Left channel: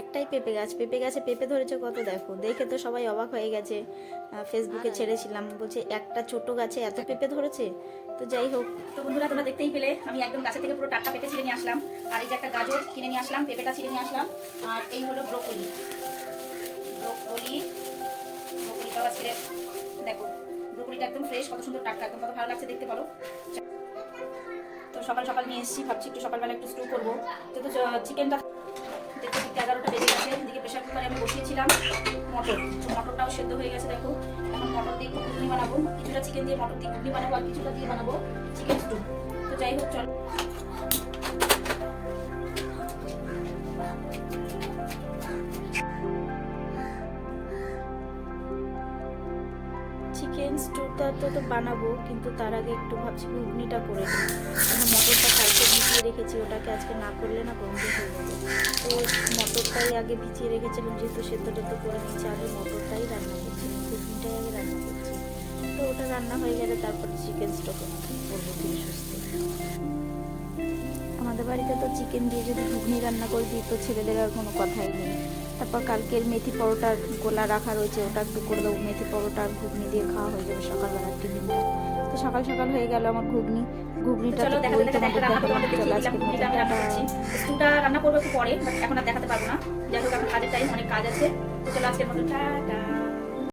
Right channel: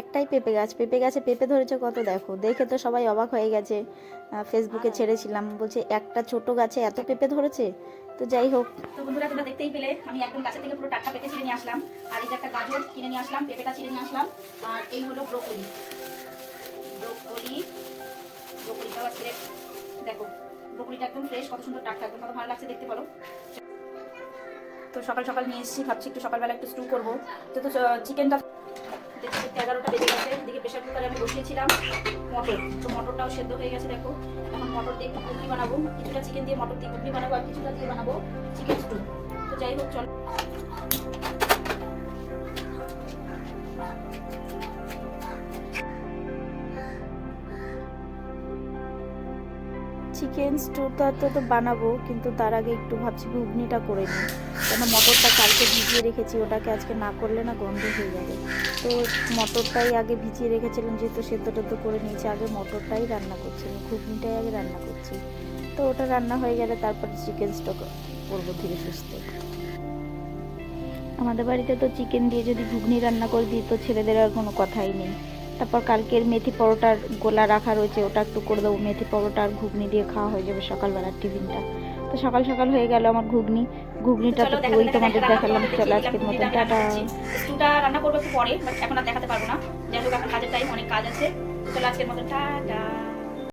একটাই পেঁপে গাছ, পেঁপে গাছে পেঁপে ধরেছে কত, দেখো, দেখে তো সবাই অবাক হয়ে গেছে। ফেসবুকে ছেড়েছিলাম, বলছে একটা ছোট গাছে এত পেঁপে ধরেছে। তো যাই হোক, তো বন্ধুরা তোমরা দেখতেই পেলে আমি একদম গাছে থেকে পুরো টাটকা পেঁপে ছিঁড়ে নিয়ে আসলাম। আর এই যে একটা গাজর কিনে নিয়ে আসলাম, পেঁপেটা ছিঁড়ে নিয়ে আসলাম। আর এই হলো ব্রোকলি, ব্রোকলি ব্রোকলিটাও আজকে দেখো, ব্রোকলিটা একদম ফ্রেশ, কত সুন্দর টাটকা, একদম কত ভালো লাগছে দেখতে, বলো। তো সকাল সকাল নিয়ে এসেছি, ভাবছি একটু সকালবেলা একটু স্টু করবো। যেহেতু চিকেনটা 11টা বেজে গেছে, এদিকে প্রেশার কুকারে আমি বসিয়েছিলাম মটর, তো মটরটাও সেদ্ধ হয়ে গেছে দেখো। এখন মটর দিয়ে একটু ঘুগনি বানাবো, কিছুটা চিকেন দিয়ে মটর দিয়ে ঘুগনি বানাবো, আর কিছুটা দিয়ে বানাবো চিকেন স্টু। তো যাই হোক চল। চিকেন স্টুটা তো বানাবো, কিন্তু তার আগে একটু ভাবছি ঘুগনিটা করে নিই। কেন মটরটা কালকে ভিজিয়ে রেখেছি, ওটাকে আজকে না করলে না গন্ধ হয়ে যাবে। তো মটরটাই আগে ভিজিয়ে রেখেছিলাম, যেহেতু সেদ্ধ টেদ্ধ করে নিয়েছি, আগে মটরটাই রান্না করছিলাম, ঘুগনিটাই আগে রান্না করছি। তো ওটা রান্না হয়ে গেলে তারপরে চিকেন স্টু করবো ধীরে সুস্থে। আমাদের বাড়িতে তো চিকেন দিয়ে যদি ঘুগনি রান্না করে দিই তো ছেলেদের আর কোনো কথাই নেই। তারপর কালকের মেথি পরোটার গোলা রাখা রয়েছে, ওটা একটু করে দেবো, মেথি পরোটা আর ঘুগনি দিয়ে খাওয়া হয়ে যাবে সকালবেলার টিফিনটা। তো সকাল সকাল হয়ে গেল আমার ঘুগনিটা তো ওই তোমাদের দেখালাম। চলো আজকের মতন টাটা। স্টুটা রান্না করবো একটু পরে, বাট এখন আর দেখাতে পারবো না। যাই হোক এখন কাজের টাইম, অনেক কাজ আছে। তো চলো আজকের মতন টাটা।